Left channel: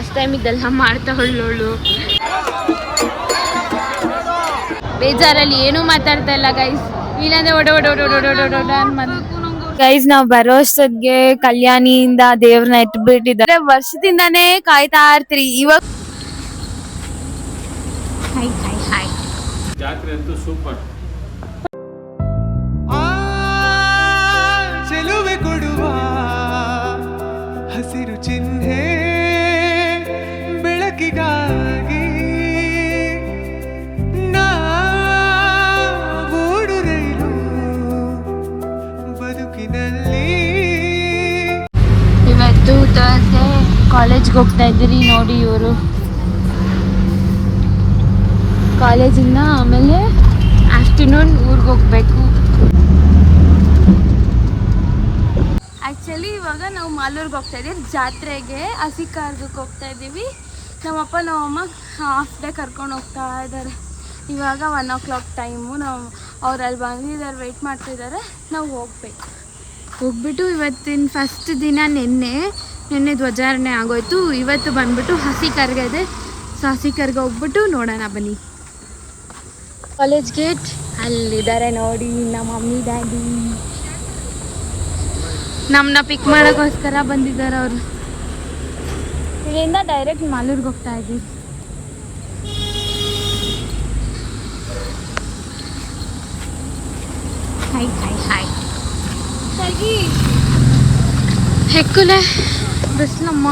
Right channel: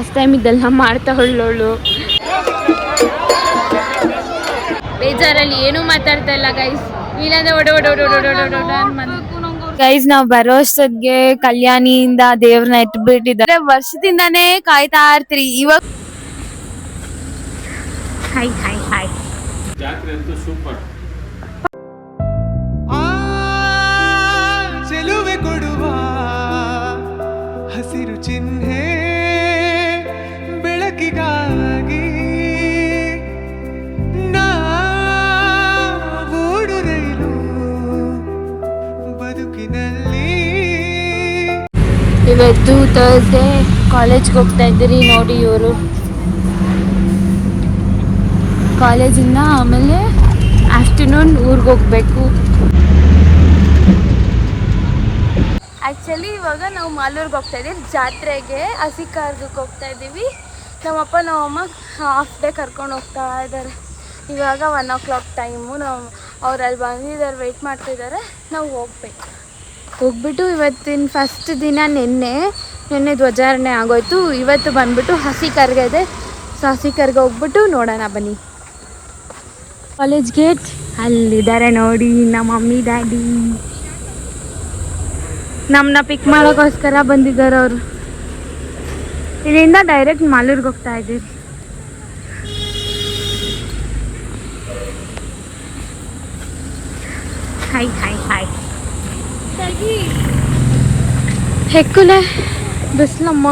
First time ಇದೆಲ್ಲ ಮಾಡ್ತಾ ಹೊಳ್ಳೋಳು. ಬೇಜಾರಲ್ಲಿ ಏನೂ ಮಾತಾಡ್ತಾ ಇಲ್ಲ ಗೈಸ್. ಇಲ್ಲಾಂದ್ರೆ ಗೈಸ್ ನಾವ್ ಬರೋ ಅಷ್ಟೊತ್ತಿಗೆ ಕಲ್ಯಾಣಿಯಿಂದ ದೇವ್ರನ್ನ ಇಟ್ಬಿಟ್ಟಿದ್ದಾರೆ. ವರ್ಷದಿಂದಾನೇ ಕಾಯ್ತಾ ಇರ್ತೀರಿ. ಇವಾಗ ಹಾಯ್ ಹಾಯ್ ಹಾಯ್. ಜಾತ್ರೆ ಅಂತೂ ಸೂಪರ್. ಚೆಲುವೆ ಕೊಡುವ ಹಸಿರು ಚಿಹ್ನೆ ಬೆಳಕಿಗಾಗಿ ನಾವೋಡು ರೈಲು ಬದುಕಿನಲ್ಲಿ. ಇವತ್ತು ಥರ್ಸ್ಡೇ ಕಾಲೇಜ್ಗೆ ಹೋಗ್ತಾ ಇದ್ದೀರಿ ನೋಡಿ. ಇವರು ಕಾಲೇಜಿಂದ ಆಮೇಲೆ ಆಫ್ಟರ್ನೂನ್ ಊರಿಗೆ ಹೋಗ್ಬೇಕು. ಆ್ಯಕ್ಚುಲಿ ಇವಾಗ ನಾವು ಮಾಲೂರ್ಗೆ ಹೋಗ್ತಾ ಇದ್ದೀವಿ ಜಾತ್ರೆಗೆ. ಹಸಿ ಕಾರ್ಗಕ್ಕೆ ಹೋಗ್ತಾ ಇದ್ದೀವಿ. ನಮ್ಮಪ್ಪ ನಮ್ಮಮ್ಮ ಹಾಫ್ ಡೇ ಕರ್ಕೊಂಡು ಹೋಗ್ತಾ ಇದ್ದಾರೆ. ಇವಾಗ 1 o'clock ಟೈಮು. ನಾವು ಅವ್ರು ಅಲ್ಲಿ ಬಂದಿದ್ದಾರೆ, ವೆಯ್ಟ್ ಮಾಡ್ತಿದ್ದಾರೆ. ನಾವು ಹೋಗ್ಬಿಟ್ಟು ಇವತ್ತಿನ ಫಸ್ಟ್ ದಿನ ನಿನ್ನೆ ಧ್ವಜಾರಣೆ ಆಗೋಯ್ತು. ಇವತ್ತು ಬಂದ್ಬಿಟ್ಟು ಹಸಿ ಕರ್ಗೆ ಇದೆ. ಸೊ ಹಸಿ ಕರ್ಗೆ ಹೋಗ್ಬಿಟ್ಟು ನೋಡೋಣ ಬನ್ನಿ. ಕಾಲೇಜ್ ಗೇಟ್ ಅಲ್ಲಿದ್ದಾರೆ ನೋಡಿ ನಮ್ಮ ಮಮ್ಮಿ ಡ್ಯಾಡಿ. ನಮ್ಮನ್ನ ಪಿಕ್ ಮಾಡೋಕ್ಕೋಸ್ಕರ ಬಂದಿದ್ದಾರೆ ಅವರು. ಇಲ್ಲಿಂದ ಡೈರೆಕ್ಟ್ ಮಾಲೂರ್ಗೆ ಹೋಗ್ತಾ ಇದ್ದೀವಿ. Hi hi hi. ಹೆಕ್ಕುಲೆ ಬಿಸ್ಲಮ್ಮ.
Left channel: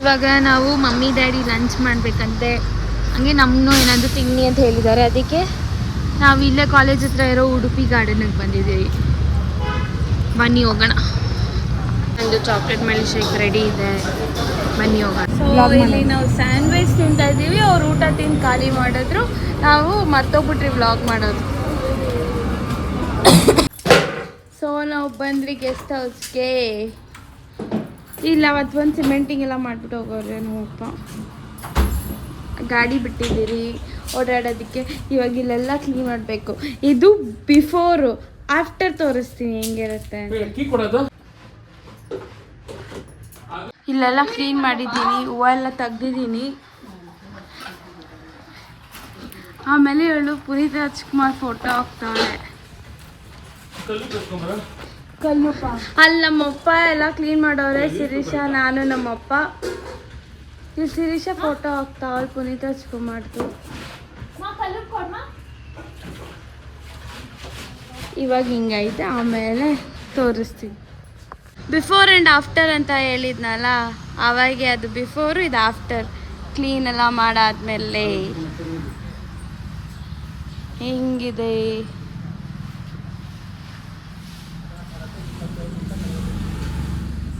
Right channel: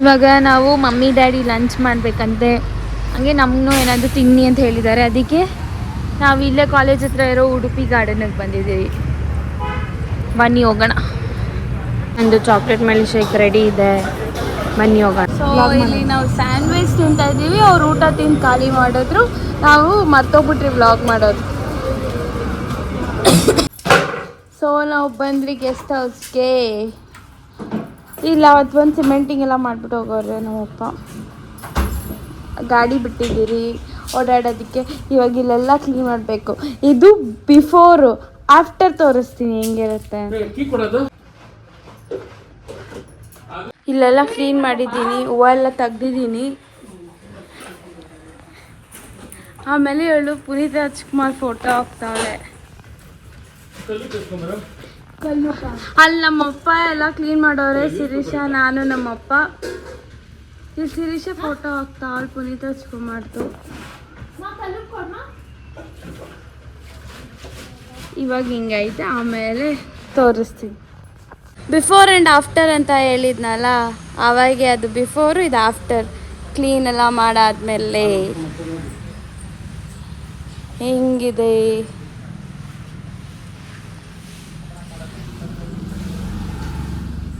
ಇವಾಗ ನಾವು ಮಮ್ಮಿ ಡ್ಯಾಡಿ ಲಂಚ್ ಮಾಡಬೇಕಂತೆ. ಹಂಗೆ ನಮ್ಮನ್ನು ಏನಾದರೂ ತಿನ್ನಿ ಅಂತ ಹೇಳಿದ್ದಾರೆ. ಅದಕ್ಕೆ ನಾವು ಇಲ್ಲೇ ಕಾಲೇಜ್ ಹತ್ರ ಇರೋ ಉಡುಪಿ ಗಾರ್ಡನಿಗೆ ಬಂದಿದ್ದೀವಿ. ಬನ್ನಿ ಹೋಗೋಣ. ಒಂದು ಚಾಕ್ಲೇಟ್ ಮಿಲ್ಕ್ ಶೇಕ್ ರೆಡಿ ಇದೆ, ಬನ್ನಿ ಹೋಗೋಣ. ಇಲ್ಲಿ ನಾವು ಸ್ಯಾಂಡ್ವಿಚ್ ತಿಂತಾ ಇದ್ದೀವಿ. ಅವ್ರು ಊಟ ತಿಂದು ಖಾಲಿ ಮಾಡಿದ್ರು. ನಾವು ಮರ್ತೋಗ್ಬಿಟ್ರಿ ವ್ಲಾಗ್ ಮಾಡೋದು. ಸೊ ನಾವು ಬಂದ್ರಿ ಗೆಸ್ಟ್ ಹೌಸ್ಗೆ. ಇಲ್ಲ ಅವತ್ತು ಒಂದು ಸಿಮೆಂಟಿಂಗ್ ಎಲ್ಲ ಮಾಡಿಬಿಟ್ಟು ಹೋಗೋರೆ ನಮ್ಮಪ್ಪ. ಗಾಡಿ ಬಿಟ್ಟಿದ್ದೀರಿ ಓಡಾಡೋದಕ್ಕೆ. ಇವಾಗ ಇಲ್ಲೆಲ್ಲ ಕ್ಲೀನ್ ಮಾಡಬೇಕು. ಇದು ಬಿಫೋರು, ಆಫ್ಟರ್ ತೋರಿಸ್ತೀನಿ ಹೆಂಗಿರುತ್ತೆ. ಇಲ್ಲೆಲ್ಲ ಕ್ಲೀನ್ ಮಾಡಿದ್ದೀನಿ, ಹೂವು ಎಲ್ಲ ತೆಗ್ದಿದ್ದೀನಿ. ಆಮೇಲೆ ಇವಳು ಪುನೀತ್ ರಾಜ್ಕುಮಾರ್ ಫೋಟೋ ಹಾಕ್ತಾವಳೆ. ಅಲ್ಲಿ ನಮ್ಮಪ್ಪ ಎಲ್ಲ ಕ್ಲೀನ್ ಮಾಡೋರೆ. ಶಿರೀಷ, ನಾನು, ನಮ್ಮಪ್ಪ. ಇಲ್ಲಿ ಶಿರೀಷ ಫೋಟೋ ಹಾಕ್ತಾವಳೆ ಪುನೀತ್ ರಾಜ್ಕುಮಾರ್ದು. ಇವಾಗ ಹಿಂಗೈತೆ, ಆಮೇಲೆ ತೋರಿಸ್ತೀನಿ. ಬಿಫೋರ್ ಆ್ಯಂಡ್ ಆಫ್ಟರ್ ಅಂತ ಹೇಳಿದ್ನಲ್ಲ, ಅವಾಗೆ ಅದು ಬಿಫೋರು, ಇದು ಆಫ್ಟರ್. ಕ್ಲೀನ್ ಎಲ್ಲ ಮಾಡಾದ್ಮೇಲೆ ಹೆಂಗಿದೆ.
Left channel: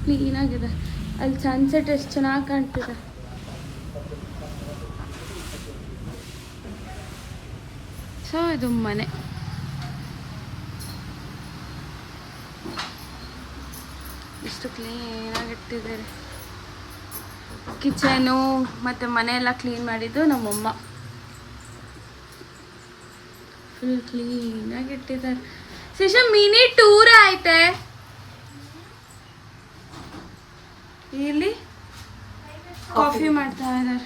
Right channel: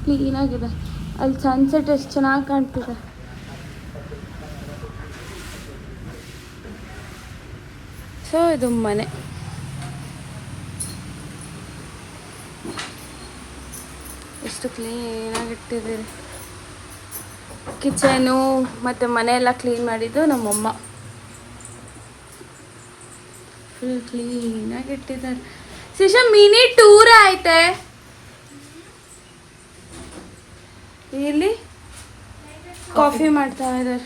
ಕ್ಲೀನಾಗಿದೆ. ಅಲ್ಲಿ ಸನ್ಸೆಟ್ ಎಷ್ಟು ಚೆನ್ನಾಗಿ ಕಾಣ್ತಿದೆ. ಸೊ ಇದು ಮನೆ. ಎಷ್ಟು ಕ್ಲೀನಾಗಿ ಇಟ್ಟಿದ್ದೀರಿ. ಕಿಚನು ಮತ್ತು ಮನೆ ಎಲ್ಲ ಕ್ಲೀನ್ ಮಾಡಿದ್ದು ನಮ್ಮಮ್ಮ. ಫುಲ್ ಕ್ಲೀನಾಗಿ ಇಟ್ಟಿದ್ದಾರೆ. ಶಿಶ ಮಿನಿ ಟೂರ್ ಐತೆ ಇಲ್ಲಿ. ಕಾಫಿ ಮಾಡ್ತಾ ಇದ್ದಾರೆ.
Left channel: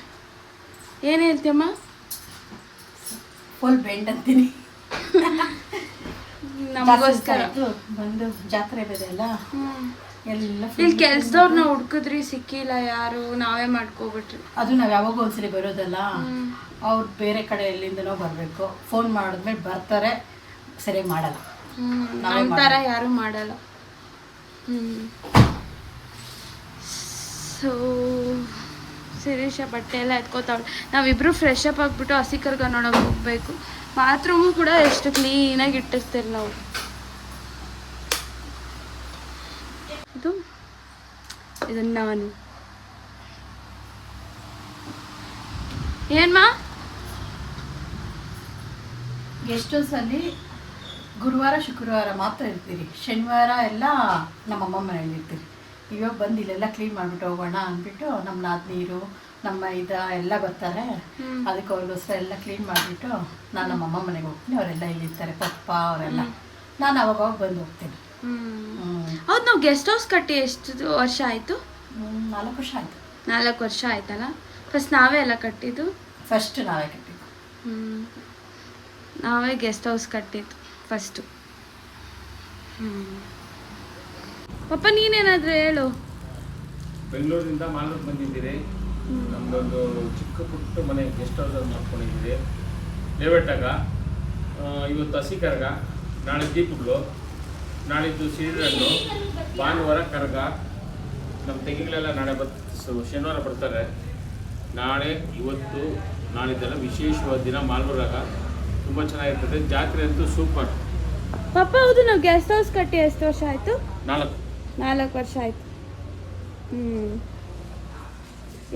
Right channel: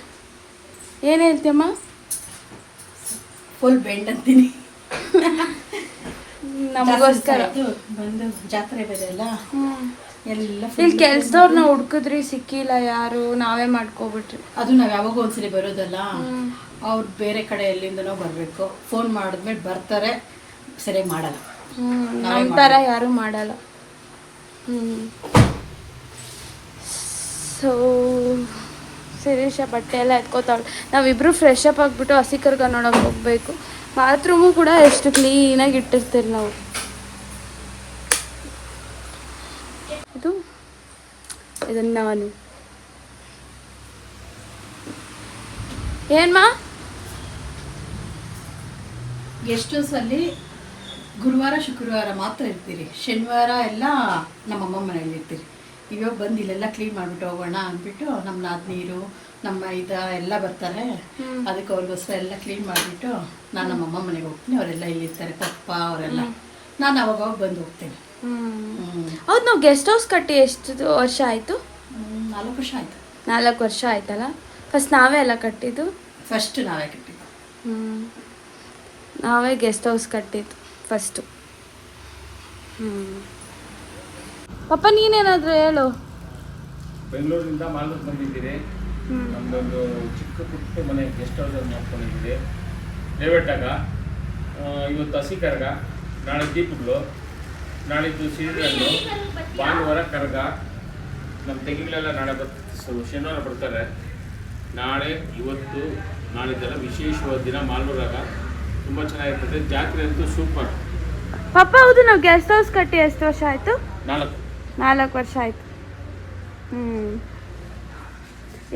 ಏನು ಹೇಳ್ತೀಯಮ್ಮ? ಫುಲ್ ಬೆಂಡ್ ಅಂತೀನಿ. ನಮಗೋಸ್ಕರ ಬಂದು ಜಾತ್ರೆ ಬೇರೆಲ್ಲ ಎಲ್ಲ ಇಲ್ಲಿ ಕೆಲ್ಸದವ್ರನ್ನ ಹುಡ್ಕಿದ್ರಿ, ಸಿಕ್ಕಿಲ್ಲ ಯಾರು. ನಾವೇ ಮಾಡ್ಕೊಬಿಟ್ರಿ. ಅದು ನಾವು ಯಾವಾಗ ಒಂದ್ಸಲಿ ಬರೋದಲ್ಲ, ಅವ್ರು ಬೇರೆ ಕಡೆ ಎಲ್ಲಿಂದನೋ ಬರಬೇಕು. ಫೋನ್ ಮಾಡಿದ್ಮೇಲೆ ಬರ್ತಾರೆ, ಸರಿಯಾಗಿ ಮಾಡಲ್ಲ. ನಮ್ಮ ಥರ ಯಾರು ಮಾಡಲ್ಲ. ಸೊ ಶಿರೀಷ ಬಟ್ಟೆ ಎಲ್ಲ ಎತ್ಕೋತಾವಳು. ನಾವಿಬ್ರು ಫ್ರೆಶ್ ಅಪ್ ಆಗಿಬಿಟ್ಟು ಹಸಿ ಕರ್ಗ ನೋಡೋಕೆ ಹೋಗ್ಬೇಕು. ಬಾತ್ರೂಮು ಕೂಡ ಎಷ್ಟು ಕ್ಲೀನಾಗಿ ಇಟ್ಟಿರ್ತೀರಿ ನಾವು. ಇದನ್ನು ನಾನು ಏನ್ಮಾ ಗೆಸ್ಟ್ ಹೌಸಲ್ಲಿ ಗುರುವಾರ ಶುಕ್ರವಾರ ಮಾತ್ರ ಇರ್ತೀರಿ. ಶನಿವಾರ ಎಲ್ಲ ನಮ್ಮಮ್ಮ ಮನೇಲಿ ಇರ್ತೀರಿ. ಇವಾಗ ಬಂದು ಇಲ್ಲೆಲ್ಲ ಕ್ಲೀನ್ ಮಾಡಿಬಿಟ್ಟು ಹೋಗೋಣ ಅಂದ್ಬಿಟ್ಟು ನಮ್ಮ ನಾದ್ನೀರು ನಮ್ಮ ಎಲ್ಲ ಬರ್ತಾರೆ. ಅದಕ್ಕೆ ಅವ್ರಿಗೋಸ್ಕರ ಎಲ್ಲ ಕ್ಲೀನ್ ಮಾಡಿಬಿಟ್ಟು ನಾನು ನಮ್ಮಮ್ಮ ಮನೆಗೆ ಹೋಗ್ತೀನಿ. ಅವರೆಲ್ಲ ಇಲ್ಲಿರ್ತಾರೆ, ಪಪ್ಪ ಅವರೆಲ್ಲ. ನಾನು ಅವಾಗ ಬಂದು ಹೋಗ್ತೀನಿ. ಹೌದು. ನಾವು ಗೆಸ್ಟ್ ಹೌಸ್ ಕಟ್ಟಿ ಎಷ್ಟು ವರ್ಷ ಆಯಿತು? 4 ವರ್ಷ ಆಯಿತು. 4 ವರ್ಷ ಆಯ್ತಲ್ಲ. ಫಸ್ಟ್ ನಾವೇ ಎಲ್ಲ ಕಟ್ಟಿದ್ದು. ಫಸ್ಟ್ ನಾವೇ ಕಟ್ಟಿದ್ದು. ನಾವೇ ಗೆಸ್ಟ್ ಹೌಸ್ ಕಟ್ಟಿದ್ದು ಫಸ್ಟು. ಪಪ್ಪ ನೀನೇನಾದರೂ ಹೇಳು. ಬೆಂಗಳೂರಿಂದ ಮಾಲೂರು ಬಂದಿದ್ದೀರಿ. ನಮ್ಮದೊಂದು ಚಿಕ್ಕ ಪುಟ್ಟ ಮನೆ ಗೆಸ್ಟ್ ಹೌಸ್ ಮಾಡ್ಕೊಂಡಿದ್ದೀರಿ ಲೇಔಟಾಗ. ಇವತ್ತು ಹಸಿ ಕರಗ, ನಾಳೆ ದೀಪಗಳು, ನಾಳಿದ್ದು ಸಿರಿಹಣ್ಣು, ಭಾನುವಾರ ಕರಗ. ನಮ್ಮ ತೆಗಿಗಳೆಲ್ಲ ನಾಳೆ ಶನಿವಾರ ಬರ್ತಾರೆ. ನಾಳೆ ಇವತ್ತು ನಾಳಿದ್ದೆಲ್ಲ ವಿಶೇಷವಾದ ದಿನ ಮಾಲೂರಾಗ ತುಂಬ ಚೆನ್ನಾಗಿರ್ತದೆ. ಜಾತ್ರೆ ಅಂತೂ ಸೂಪರ್. ಪಪ್ಪ ಹೌದು, ನಾವು ಗೆಸ್ಟ್ ಹೌಸ್ ಕಟ್ಟಿ ಎಷ್ಟು ವರ್ಷ ಆಯಿತು? 4 ವರ್ಷ ಆಯಿತು.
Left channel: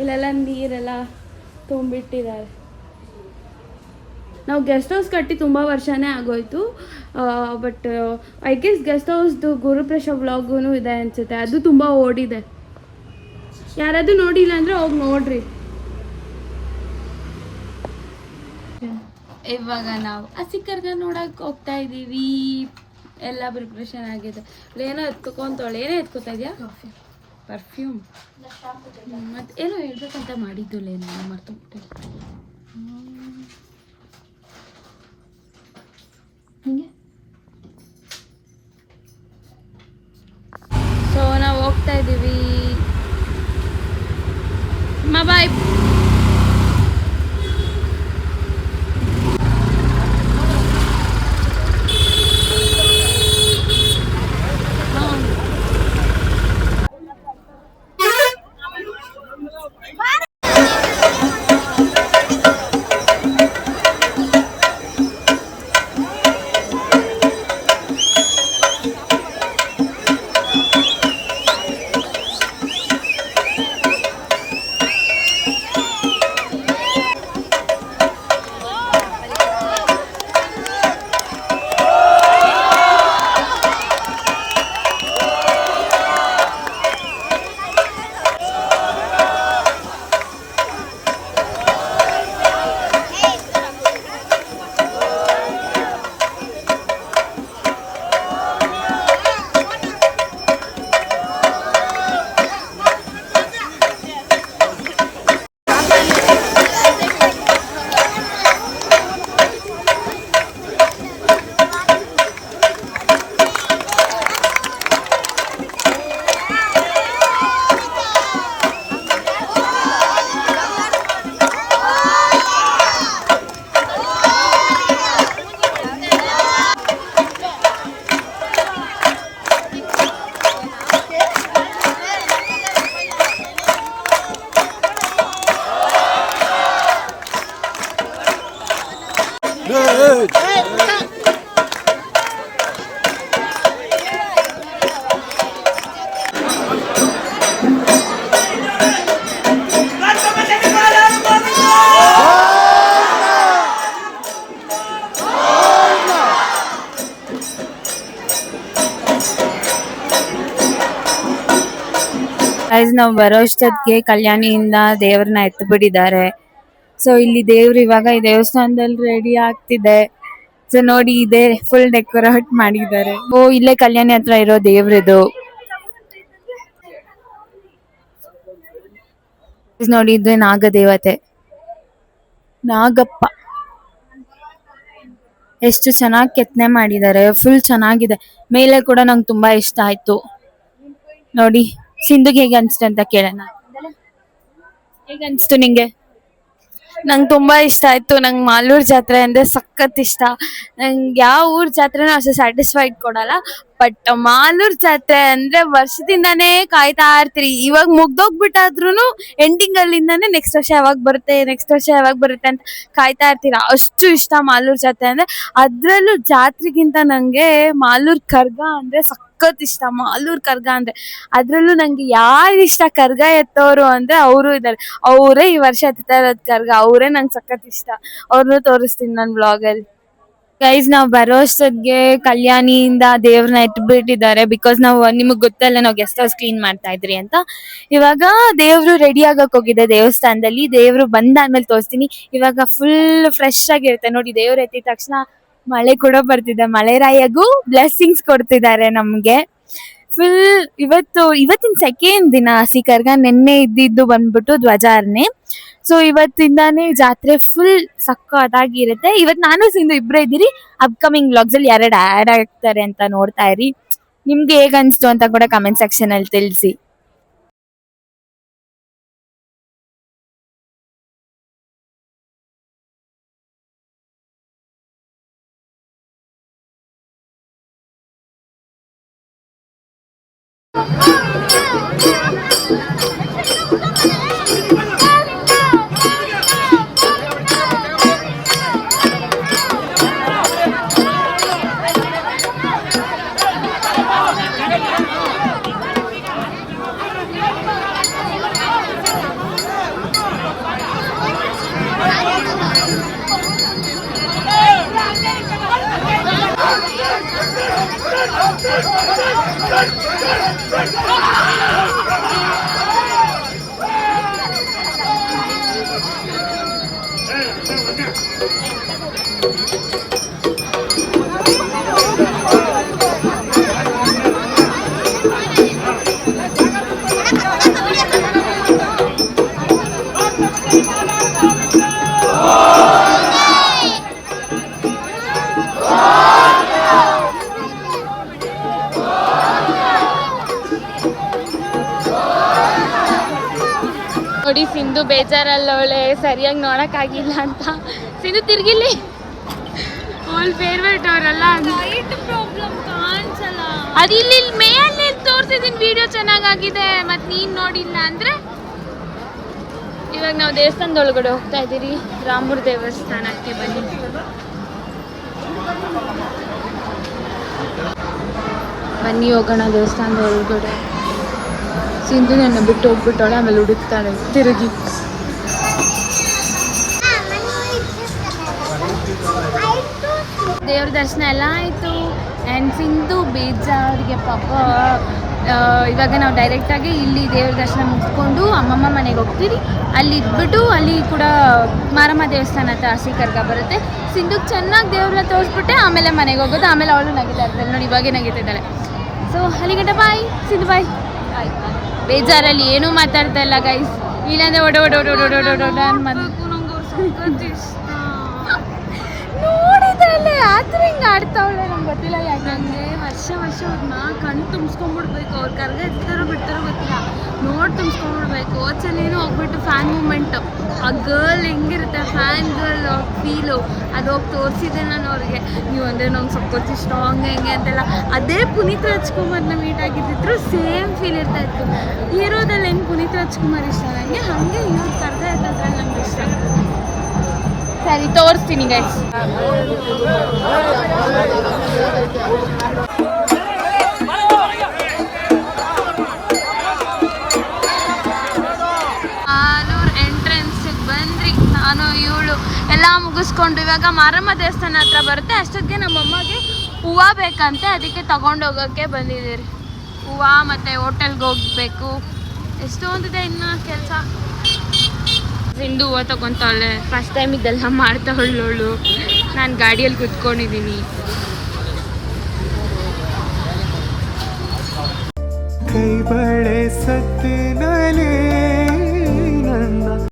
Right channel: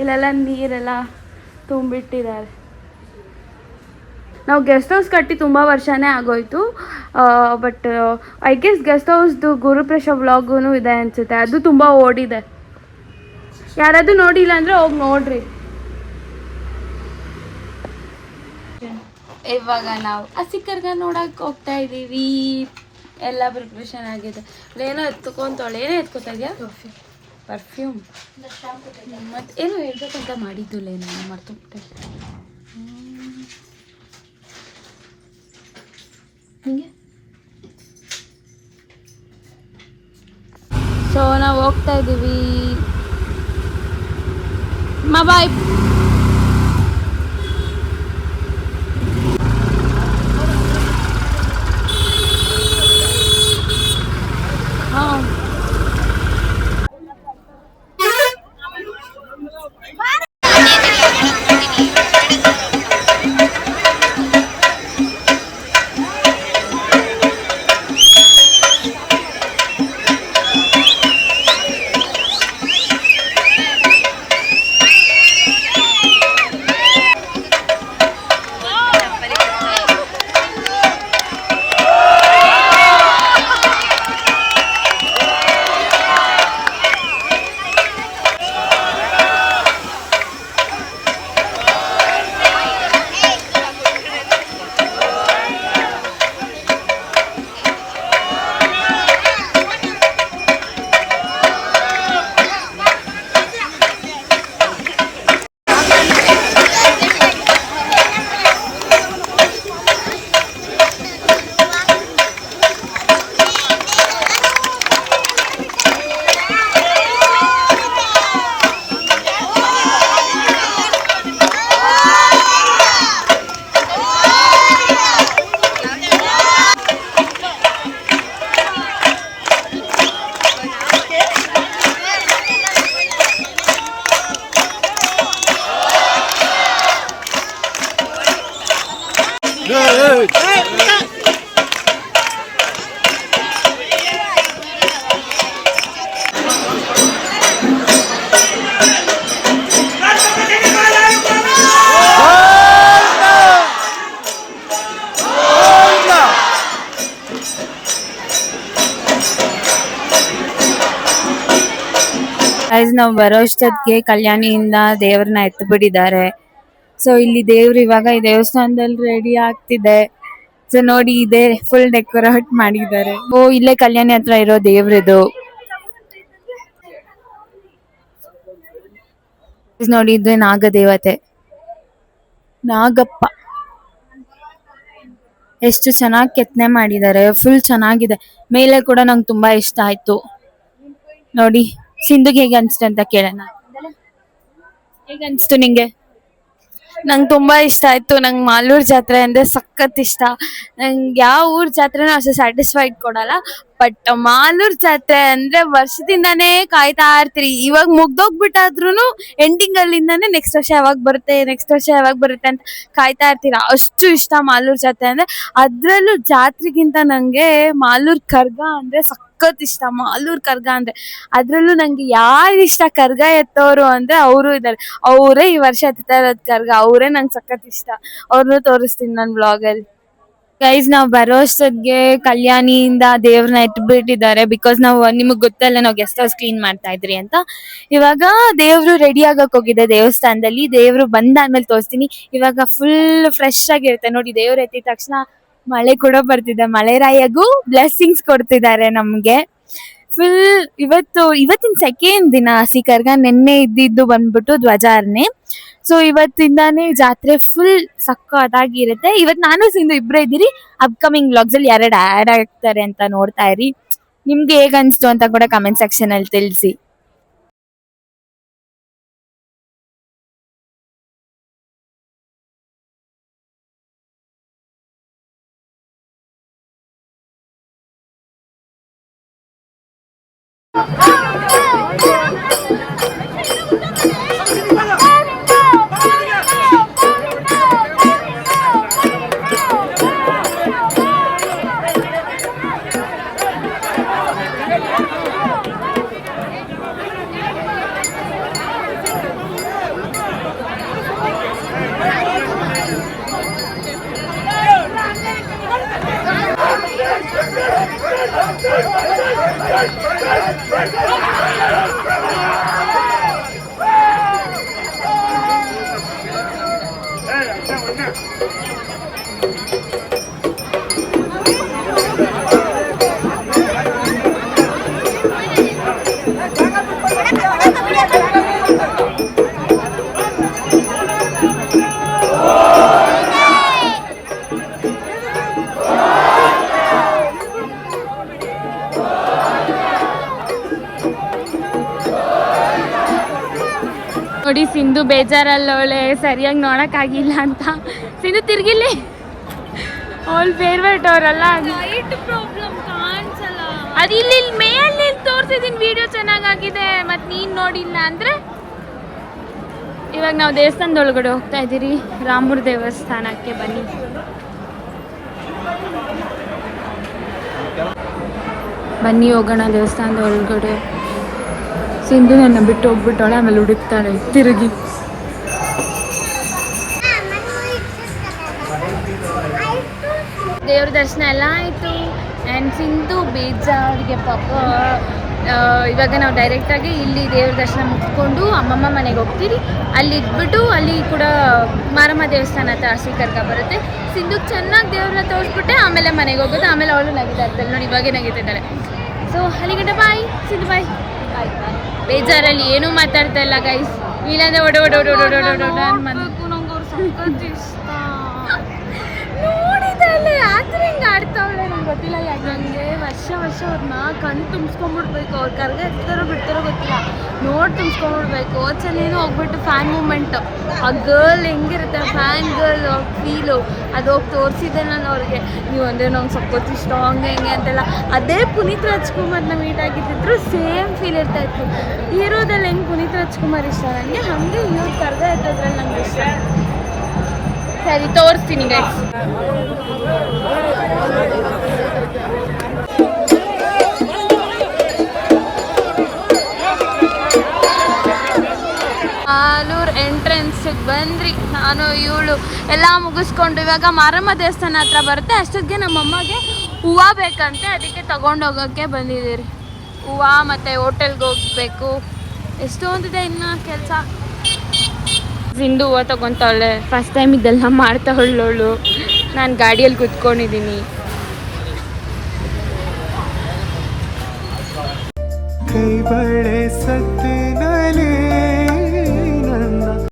ಇಲ್ಲೆಲ್ಲ ನೀರೆಲ್ಲ ತುಂಬಿಟ್ಟಿದ್ದಾರೆ. ನಾವು ಗೆಸ್ಟ್ ಹೌಸ್ ಕಟ್ಟಿ ತುಂಬ ವರ್ಷನೇ ಆಗೋಯ್ತು. ಬಟ್ ಐ ಗೆಸ್ ಗೆಸ್ಟ್ ಹೌಸ್ದು ಗುರುಪ್ರಸಾದ್ ವ್ಲಾಗೂ ಇದೆ ಅನಿಸುತ್ತೆ. ಅದು ತುಂಬ ಓಡಿದೆ. ಯಾರಾದರೂ ನೋಡಿಲ್ಲ ಅಂದರೆ ಹೋಗಿ ನೋಡ್ರಿ. ಇವಾಗ ನಾವು ಹಸಿ ಕರ್ಗ ನೋಡಕ್ಕೆ ಹೋಗ್ತಾ ಇದ್ದೀವಿ. ಎಲ್ಲ ಪ್ರಿಪ್ರೇಷನ್ ಆಗಿದೆ. ಏನೋ ಎತ್ಕೊಂತಾಳೆ. ಏನೋ ಎತ್ಕೊತಾಳೆ? ಪರ್ಫ್ಯೂಮ್. ಮತ್ತು ಏನೋ ಹೇಳ್ಬೇಕಂತ ಮಾಡಿದ್ದು ನಾನು ಮರ್ತೋಗ್ಬಿಟ್ಟೆ. ಹಿಂಗೆ ಸೊ ನಾವು ಹೋಗ್ತಾ ಇದ್ದೀವಿ. ಬಾಯ್. ನಾವು ಬರೋ ಅಷ್ಟೊತ್ತಿಗೆ ಕಲ್ಯಾಣಿಯಿಂದ ದೇವ್ರನ್ನ ಎತ್ತುಬಿಟ್ಟಿದ್ದಾರೆ. ಸೊ ಇಲ್ಲಿ ದೇವ್ರು ಇವಾಗ ಈ ದೇವಸ್ಥಾನದಲ್ಲಿ ರೆಡಿ ಆಗ್ತಿದೆ. ಸೊ ನೋಡಿ, ಇದೆ ಫುಲ್ ಡೆಕೋರೇಟ್ ಮಾಡಿದ್ದಾರೆ. ಇಲ್ಲೇ ಕಲ್ಯಾಣಿ ಹತ್ರ ಇರೋ ದೇವ್ರದು ನೋಡಿ. ಇದು ನಾಗದೇವತೆ, ನಾಗಪ್ಪ. ಎಷ್ಟು ಚೆನ್ನಾಗಿ ಕೆತ್ತನೆ ಮಾಡಿದ್ದಾರೆ. ಫುಲ್ ಚೆನ್ನಾಗಿದೆ. ಮೇಲೆ ಕೂಡ ನಂಗೆ ತುಂಬಾ ಇಷ್ಟ ಆಯ್ತು. ನೋಡಿ, ಸಿಂಧುಗೆ ಹೇಗೆ ಅನ್ಸ್ತು ಅಂತ ಕೇಳೋಣ. ಹೇಗೆ ಅನ್ಸ್ತು ನಿಂಗೆ? ನಂಗೆ ತುಂಬ ಇಷ್ಟ ಆಯಿತು. ನಂಗೆ ಮಾಲೂರು ಜಾತ್ರೆ ಅಂದರೆ ಸಖತ್ ಇಷ್ಟ. ನಂಗೆ ಯಾವ ಊರ ಜಾತ್ರೆನೂ ಅಷ್ಟು ಸ್ಯಾಟಿಸ್ಫೈಡ್ ಕೊಡಲ್ಲ. ಬಟ್ ಮಾಲೂರು ಜಾತ್ರೆ ಅಂದರೆ ವರ್ಷದಿಂದನೇ ಕಾಯ್ತಾ ಇರ್ತೀರಿ. ಇವಾಗ ಮುಗ್ದೋಗ್ಬಿಟ್ಟಾದ್ರೂ ಎಂಡಿಂಗಲ್ಲಿಂದಾನೇ ನೆಕ್ಸ್ಟ್ ವರ್ಷ ಯಾವಾಗ ಬರುತ್ತೆ ಅಂತ ಕಾಯ್ತಾ ಇರ್ತೀರ. ಅಷ್ಟು ಇಷ್ಟ ಮಾಲೂರು ಜಾತ್ರೆ ಅಂದರೆ. ಅದರಲ್ಲೂ ಜಾತ್ರೆಗಿಂತ ನನಗೆ ಮಾಲೂರು ಕರ್ಗ ಅಂದರೆ ಸಖತ್ ಇಷ್ಟ. ಮಾಲೂರು ಕರ್ಗ ಅಂದರೆ ಅದರಲ್ಲೂ ನನಗೆ ಯಾರು ಇಷ್ಟ ಕರ್ಗ ಎತ್ತೋರು ಅಂದರೆ ಅವರು ಇದ್ದಾರೆ. ಅವರೇ ಈ ವರ್ಷ ಎತ್ತಾ ಇರೋದು ಕರ್ಗ. ಅವರೇ ನಂಗೆ ಸಖತ್ ಇಷ್ಟ. ಅವ್ರನ್ನೂ ತೋರಿಸ್ತೀನಿ ನನ್ನ ವ್ಲಾಗಲ್ಲಿ. ಗೈಸ್, ನಾವು ಬರೋ ಅಷ್ಟೊತ್ತಿಗೆ ಕಲ್ಯಾಣಿಯಿಂದ ದೇವ್ರನ್ನ ಎತ್ಬಿಟ್ಟಿದ್ದಾರೆ. ಬಿಕಾಸ್ ನಾವು, ನಿಮಗ್ ಗೊತ್ತಲ್ಲ, ನಾವು ಗೆಸ್ಟ್ ಹೌಸ್ ಕ್ಲೀನ್ ಮಾಡ್ತಾ ಇದ್ರಿ ಅಂತ. ಇವಾಗ ದೇವ್ರು ರೆಡಿ ಆಗಕ್ ಹೋಗಿದೆ ದೇವಸ್ಥಾನದಲ್ಲಿ. ದೇವ್ರು ಬಂದಾದ್ಮೇಲೆ ತೋರಿಸ್ತೀನಿ. ಇವಾಗ ಫುಲ್ ಫ್ರೆಶ್ ಆಗಿರುತ್ತೆ ನೋಡಿ. ದೇವ್ರು ಎತ್ತಿದ ತಕ್ಷಣ ಮಳೆ ಕೂಡ ಬರ್ತಿದೆ. ಮಳೆರಾಯಗೂ ಬ್ಲೆಸ್ಸಿಂಗ್ಸ್ ಕೊಡ್ತಿದ್ದಾರೆ ನಮ್ಗೆ. ಫುಲ್ ಇವತ್ತಿನ ಸೆಕೆಂಡ್ ದಿನ ಹಸಿ ಕರ್ಗ, ನೆನ್ನೆ ಇದ್ದಿದ್ದು ಬಂದ್ಬಿಟ್ಟು ಧ್ವಜಾರ್ನೆ. ಸೊ ಇವತ್ತಿಂದಾನೇ ಜಾತ್ರೆ ಫುಲ್ ಸಕ್ಕತ್ತಾಗಿರುತ್ತೆ. ಇವತ್ತು ನಾನು ಸಿಂಧು ಇಬ್ಬರೇ ಇದ್ದೀರಿ. ಅಪ್ಕಮಿಂಗ್ ವ್ಲಾಗ್ಸ್ ಅಲ್ಲಿ 2 ಆ್ಯಡ್ ಆಗ್ತಾರೆ ಅಂತ ನೋಡ್ತಾ ಇರಿ. ನಿಮ್ಗೆ ಹೇಗ್ ಅನ್ಸ್ತು ಅಂತ ಕೂಡ ಕಮೆಂಟ್ ಸೆಕ್ಷನ್ ಅಲ್ಲಿ ತಿಳಿಸಿ. ನೋಡಿ ಸಿಂಧು ಬೇಜಾರಲ್ಲವಳೆ, ಸರಿಯಾಗಿ ನೋಡಕ್ಕಾಗಿಲ್ಲ ಅಂತ. ಸಿಂಧು ತಿರ್ಗಿಲ್ಲಿ, ಅವಳ ಫೇವ್ರೇಟ್ ಅವರಲ್ಲ, ಲೈಟ್ ಪ್ರಾಬ್ಲಮ್ ಕಾಣಿಸಲ್ಲ. ಅದು ಇಲ್ಲಿ ಮೇಯಲ್ಲಿ ತೋರಿಸಿದೀನಿ, ವಿಡಿಯೋ ಚೆನ್ನಾಗಾಗಿದೆ. ಮತ್ತು ನೀನು ನೋಡಿಲ್ಲ ಅಂದರೆ ಇವಾಗ ನಾವು ದೇವಸ್ಥಾನದ ಒಳಗಡೆ ಹೋಗ್ತಾ ಇದ್ದೀರಿ. ರಾಮೂರ್ ದೇವಸ್ಥಾನಕ್ಕೆ ಬನ್ನಿ. ಬನ್ನಿ ಹೋಗೋಣ ದೇವಸ್ಥಾನದ ಒಳಗಡೆ. ಸಿಂಧು ನನ್ನ ಬಿಟ್ಟು ಹೋಗ್ಬಿಟ್ಟವಳೆ, ಆಮೇಲೆ ಹುಡುಕ್ತಾಳೆ ತಿರುಗಿ. ದೇವ್ರ ದರ್ಶನ ಎಲ್ಲ ಆಯಿತು. ಆ್ಯಂಡ್ ಸಿಂಧು ಬೇಜಾರಿಗೆ ಪಾಪ. ಇವಾಗ ನಾವು ಡೈರೆಕ್ಟಾಗಿ ಇಲ್ಲಿ ದೇವ್ರ ದರ್ಶನ ಮುಗಿಸ್ಕೊಂಡು ಅಮ್ಮಮ್ಮ ಮನೆಗೆ ಹೋಗ್ತೀವಿ. ಅಲ್ಲಿ ಇದ್ಬಿಟ್ಟು ಅಲ್ಲಿ ಕೂಡ ಮಾರಮ್ಮ ದೇವಸ್ಥಾನ ಹತ್ರ ಹಸಿ ಕರ್ಗ ಬರುತ್ತೆ. ಸಿಂಧುಗೆ ಚೆನ್ನಾಗಿ ದೇವ್ರನ್ನ ತೋರಿಸ್ಬಿಟ್ಟೆ ಆಮೇಲೆ ಮನೆಗೆ ಹೋಗೋದು. ಆಮೇಲೆ ಅವಳು ನಗಿತಾ ಇರ್ತಾಳೆ ನೋಡಿ, ಇವಾಗೇ ನಗಿತಾ ಇದ್ದಾಳೆ. ಸೊ ಅಲ್ಲಿಗಂಟ ಬಾಯ್ ಸಿಂಧು, ಬಾಯ್ ಬಾಯ್ ಬಾಯ್. ಬೇಜಾರಲ್ಲಿ ಏನೂ ಮಾತಾಡ್ತಾ ಇಲ್ಲ ಗೈಸ್, ಇಲ್ಲಾಂದ್ರೆ ನೋಡಿದಲ್ಲ ಯಾತ್ರೆ ಹಿಂಗೆ ಆಡ್ತಾವಳೆ ನಂಗೆ ಗೊತ್ತಿಲ್ಲ ಯಾಕೆ. ನನಗೆ ವರ್ಷ ಅವ್ರನ್ನ ಕಣ್ಣು ತುಂಬಿಸ್ಕೊಂಡ್ಬಿಡ್ಬೇಕು. ಅವ್ರು ಕರ್ಗ ಇರ್ತಾರೋ ಬಿಡ್ತಾರೋ ಗೊತ್ತಿಲ್ಲ, ನೋಡಿ ತುಂಬಿಸ್ಕೊಂಡ್ಬಿಡ್ಬೇಕು. ಹೋದ್ಸಲೇನು ಹೋಗ್ಬಿಟ್ಟು ಫ್ಯಾನ್ ಮೂಮೆಂಟು, ಆ ಗರ್ಲ್ ಹೆಂಗಿರುತ್ತೆ ಫ್ಯಾನ್ ಗರ್ಲ್ ಫೀಲು, ಅದು ಹೋಗಿ ತೋರಿಸಿದ್ದೆ ನಾನು ಅವ್ರಿಗೆ. ನೀವು ಅಂದರೆ ನಂಗೆ ಸಪೋರ್ಟ್ ಇಷ್ಟ ಹಂಗೆ ಹೆಂಗೆ ಅಂತೆಲ್ಲ. ಅದೇ ಪುನೀತ್ ರಾಜ್ಕುಮಾರ್ನ ಮೀಟ್ ಆಗಿದ್ದಿದ್ರು ಸೇಮ್ ಫೀಲ್ ಇರ್ತಾಯಿತ್ತು. ಹೀರೋದಲ್ಲಿ ಹೆಂಗೆ ಪುನೀತ್ ರಾಜ್ಕುಮಾರ್ ಇಷ್ಟ ನನಗೆ, ಹಾಗೆ ಇವ್ರು ಕರ್ಗ ಎತ್ತದ್ರಲ್ಲಿ ನಂಗೆ ಇಷ್ಟ. ಸರಿ ತೋರಿಸ್ತೀನಿ ಗೈಸ್. ಆಲೂರು ಎಂಟ್ರೆನ್ಸಿಗೆ ಬಂದ್ರಿ. ನಾನು ಇವಳು ಎಲ್ಲ ಮುಗಿಸ್ಕೊಂಡು ಇವಾಗ ಮಾರಮ್ಮ ದೇವಸ್ಥಾನ ಹತ್ರ ಬರುತ್ತೆ. ಅಷ್ಟೊತ್ತಿಗೆ ನಮ್ಮಮ್ಮಗೆ ಹೂವು ಬೇಕಂತೆ, ಅದಕ್ಕೆ ತಗೊಂಡೋಗೋಕ್ಕೆ ಬಂದಿದ್ದೀರಿ. ಹೂವು ಮತ್ತು ಹೋಟೆಲ್ಗೆ ಹೋಗಬೇಕು. ಎಷ್ಟೊಂದಿದೆ ಇನ್ನು ಕೆಲಸ. ಸಿಂಧು ಹೂವು ತಗೊತಾವಳೆ, ಫಸ್ಟ್ ಟೈಮ್ ಇದೆಲ್ಲ ಮಾಡ್ತಾವಳವಳು. ನಾನು ಗಾಡಿಯಲ್ಲಿ ಕುತ್ಕೊಂಡಿದ್ದೀನಿ. ಕೈ ಬಳೆ ಸತ್ತಿನಲೇ